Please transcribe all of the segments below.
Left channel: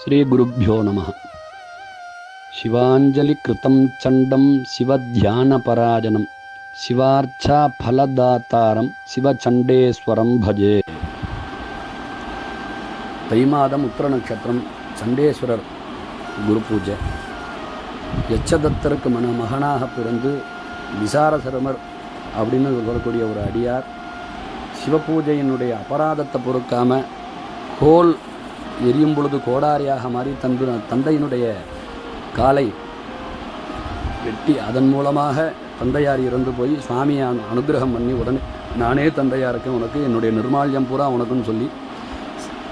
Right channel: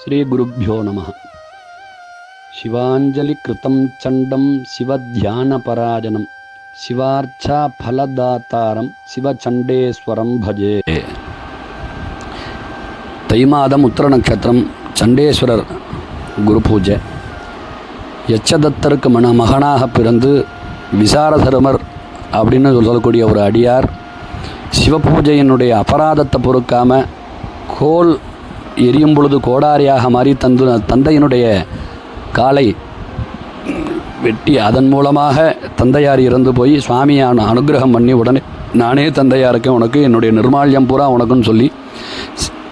ஸ்ரீகுருப்போ நம. சிவாஞ்சலிகிருத்தம் சண்டம் சிவத்தியானபராஜனம் சிவார்ச்சா ஃபலதாத்தாரம் சிவச்சண்டேஸ்வரம் பஜே. தை மாதம் உத்தர நட்சத்திரம் சண்டேஸ்வரர் குரு பூஜை. யட்சதத்தருக்கு மன மகனாக பிறந்து விசாரசருமர் அப்படின்னு சொல்லக்கூடிய ஒரு அடியார். சிவபூஜையினுடைய அபராதத்தை பொறுக்காமல் கோல் எரியும் பொழுது கோடாரியாக மாறி தந்து தந்தையினுடைய காலை வெட்டி அதன் மூலமாக தந்தையார் இறந்து போய் சுவாமியான அனுகிரகம் அனுக்கிரகம் பண்ணி உடனே நானே தந்தையாருக்கு உனக்கு என்னுடைய நிர்மால்யம் பூரா உனக்குன்னு சொல்லி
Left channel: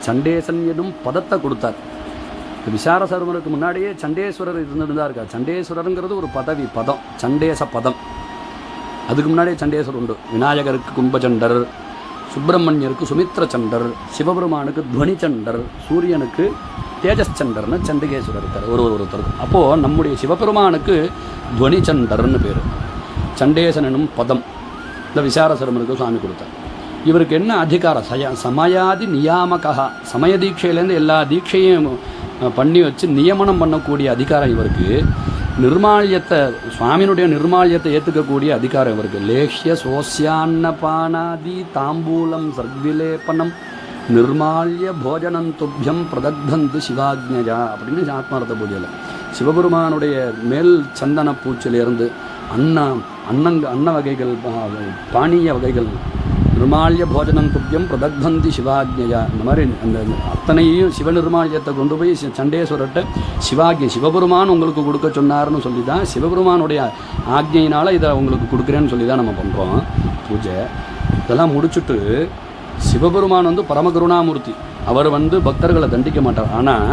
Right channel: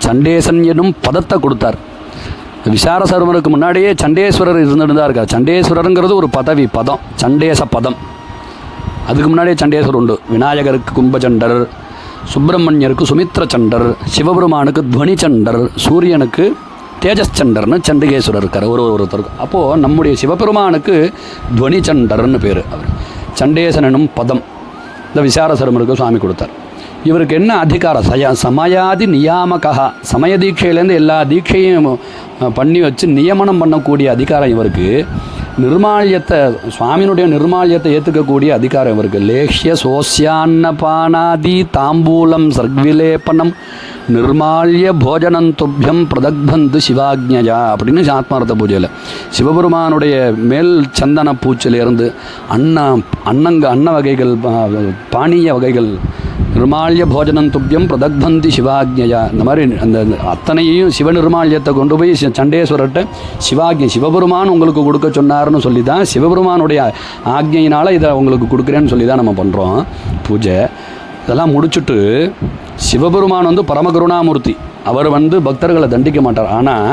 சண்டேசன் எனும் பதத்தை கொடுத்தார். விசார சர்வருக்கு முன்னாடியே சண்டேஸ்வரர் இருந்துட்டு தான் இருக்கார் சண்டேஸ்வரருங்கிறது ஒரு பதவி பதம் சண்டேச பதம். அதுக்கு முன்னாடியே சண்டேஸ்வரர் உண்டு. விநாயகருக்கு கும்பச்சண்டர் சுப்பிரமணியருக்கு சுமித்ர சண்டர் சிவபெருமானுக்கு துவனி சண்டர் சூரியனுக்கு தேஜஸ் சண்டர்னு சண்டிகேஸ்வரர் இருக்கார் ஒரு ஒருத்தருக்கு அப்போது நம்முடைய சிவபெருமானுக்கு துவனி சண்டர்னு பேர் சண்டேசனும் பதம். இந்த விசாரசரமருக்கு சுவாமி கொடுத்தார். இவருக்கு என்ன அதிகாரம் சய சமயாதி நியாமகா. சமய தீட்சையிலேருந்து எல்லா தீட்சையும் பண்ணி வச்சு நியமனம் பண்ணக்கூடிய அதிகாரம் இவருக்கு. நிர்மால்யத்தை சுவாமியினுடைய நிர்மால்யத்தை ஏற்றுக்கக்கூடிய அதிகாரம் இவருக்கு. லேஷ்ய சோசியான்னபானாதி தாம்பூலம் சர்விலேபனம் நிர்மால்ய போஜனம் துப்பியம் பிரதக்பந்து சிவாக்ஞயா அப்படின்னு ஆத்மார்த்த பூஜையில். சிவபெருமானுடைய மேல் சந்தன பூச்சிலிருந்து அன்ன அன்னங்க அன்ன வகைகள் பானிய பானீய வகைகள் நிர்மால்ய போஜனம் துப்பியம் பிரதக்பந்தி சிவாக்ஞயா. இந்த மாதிரி அந்த அத்தனையும் சிவ நிர்மால்யத்தை கொண்டு போய் சி- சண்டேஸ்வரர்கிட்ட சிவாக்ஞை சிவபெருமான் உங்களுக்கு கொடுக்க சொன்னார்னு சொல்லி தான் சிவபெருமானுடைய ஆக்ஞையினால் இதை உங்களுக்கு கொடுக்குறேன்னு சொல்லி தான் நம்ம பண்ணுறோம் பூஜை. இதெல்லாம் முடிச்சுட்டு சிவபெருமான் வந்து பரமகருணாமூர்த்தி. அவர் வந்து பக்தர்களை தண்டிக்க மாட்டார். ஆனால்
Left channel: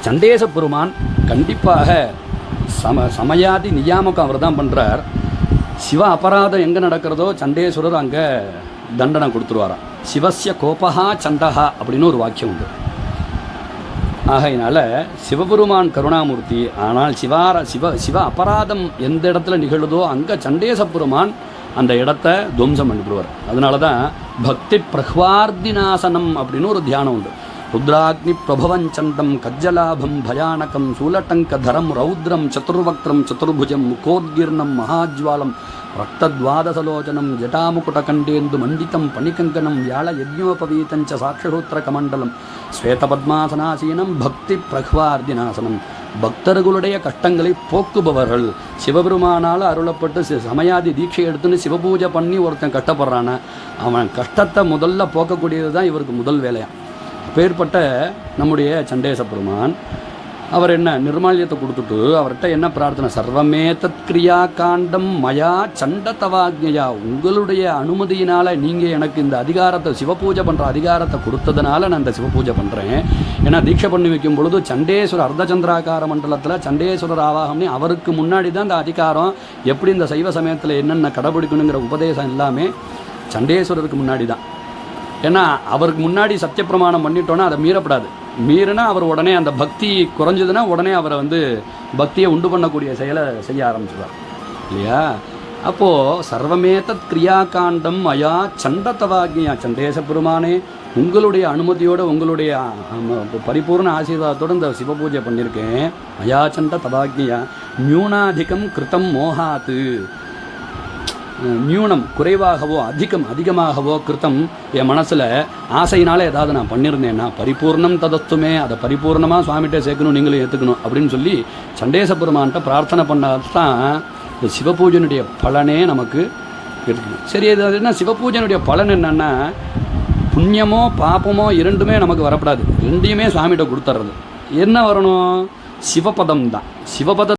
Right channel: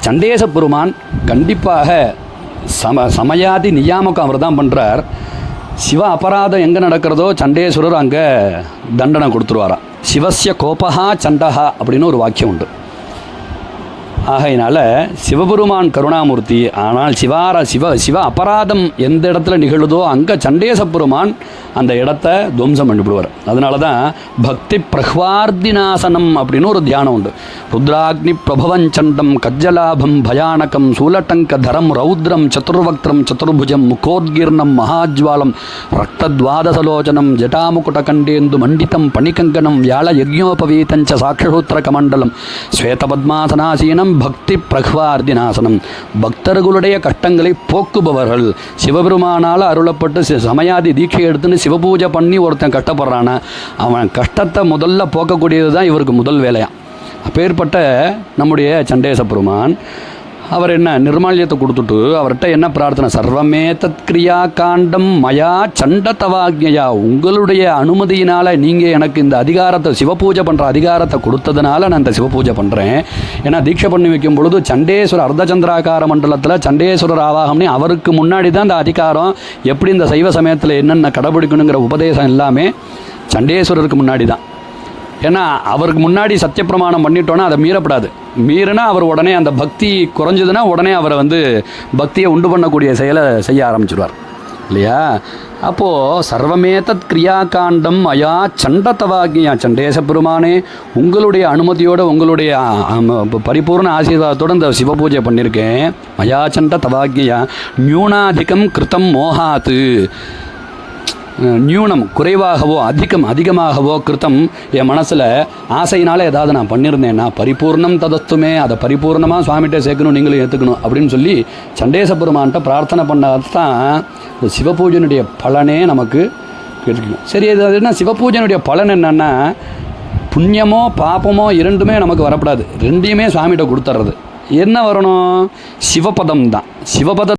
சண்டேச பெருமான் கண்டிப்பாக சம சமயாதி நியாமகம் அவர் தான் பண்ணுறார் சிவ அபராதம் எங்கே நடக்கிறதோ சண்டேஸ்வரர் அங்கே தண்டனை கொடுத்துருவாராம். சிவசிய கோபஹா சண்டஹா அப்படின்னு ஒரு வாக்கியம் உண்டு. ஆகையினால சிவபெருமான் கருணாமூர்த்தி ஆனால் சிவார சிவ சிவ அபராதம் எந்த இடத்துல நிகழுதோ அங்கே சண்டேச பெருமான் அந்த இடத்த துவம்சம் பண்ணிவிடுவார். அதனால தான் பக்தி பிரஹ்வார்த்திநாசனம் அப்படின்னு ஒரு தியானம் உண்டு. ருத்ராக்னி பிரபவஞ்சண்டம் கஜ்ஜலாபம் பயானகம் சூலட்டங்க தரம் ரௌத்ரம் சதுர்வக்திரம் சதுர்புஜம் முகோத்கீர்ணம் மகாஜ்வாலம் ரக்தத்வாதசலோச்சனம் ஜட்டாமுகுடகண்டேந்து மண்டிதம் பணிகங்கனம் வியாழ யஜ்ஞோபவீதஞ்ச சாட்சசூத்திர கமண்டலம் ஸ்வேதபத்மாசனாசீனம் பக்தி பிரஹ்வார்த்திநாசனம் பக்தர்களுடைய கஷ்டங்களை போக்குபவர்கள். சிவபெருமானால் அருளப்பட்டு சமயாதி தீட்சை எடுத்துன்னு சிவபூஜை பண்ணி ஒருத்தன் கஷ்டப்படுறானா அவன் கஷ்டத்தை முதல்ல போக்கக்கூடியது தான் இவருக்கு முதல் வேலையாக அப்பேற்பட்ட நம்முடைய சண்டேச பெருமான் அவர் என்ன நிர்மால்யத்தை கொடுத்துட்டு அவர்கிட்ட என்ன பிரார்த்தனை? சர்வமே தத்கிரியா காண்டம் மயா சண்டத்தவாக்யா உங்களுடைய அனுமதியினால் நீங்கள் எனக்கு இந்த அதிகாரத்தை சிவபூஜை பண்ணுற அதிகாரத்தை கொடுத்ததுனால நான் இந்த சிவபூஜை பண்ணுறேன் ஏன்னா தீட்சை பண்ணி வைக்கும் பொழுது சண்டேஸ்வரர் அர்த்தச்சந்திராக்கார மண்டலத்தில் சண்டேஸ்வரர் ஆவாகம்னு அவருக்கு முன்னாடி தான் இந்த அதிகாரம். எப்படி இந்த சைவ சமயத்தில் என்னென்ன கடைபிடிக்கணுங்கிற உபதேசம் எல்லாமே சண்டேஸ்வரருக்கு முன்னாடி தான். ஏன்னா அவருக்கு முன்னாடி சத்தியப்பிரமாணம் பண்ணிட்டோன்னா அதை மீறப்படாது. மீறினா அவர் உடனே அந்த பக்தி குறைஞ்சதுன்னா உடனே அவரை வந்து பக்தியை உண்டு பண்ணக்கூடிய செயலை செய்ய ஆரம்பிச்சிடுவார் இல்லையா? அப்போது சர்வமேதத் கிரியாகாண்டம் அயா சண்டத்தவாகியா சண்டேச பெருமானே உங்களுடைய அனுமதியோடு உங்களுடைய பரிபூர்ண ஆசீர்வாதத்தோட இந்த சிவபூஜை பண்ணியிருக்கேன். அயா சண்ட தவாகியா நியூனாதிகம் கிருத்தம் மோகாத்து நியூனம் குறைவாகவோ அதிகம் அதிகமாகவோ கிருத்தம் என் மனசில் ஆசையினால் ஏதாவது நான் பண்ணியிருந்தேன்னா பரிபூர்ணம் ததத்துமே அதை பரிபூர்ணமாக சுவாமிகிட்ட சேர்க்கணும் நீங்களும் ஏற்றுக்கணும் அப்படின்னு சொல்லி சண்டேச பெருமான்கிட்ட பிரார்த்தனை பண்ணாதான் தான் இந்த சிவபூஜனுடைய பலனே நமக்கு கிடைக்கும். சரி அது என்ன? சிவபூஜனுடைய பலன் என்னென்னா புண்ணியமோ பாப்பமோ இரண்டுமே நமக்கு வரப்படாது. ரெண்டையுமே சுவாமிகிட்ட கொடுத்துட்றது என்ன வரணும்? சிவபதம் தான் சிவபத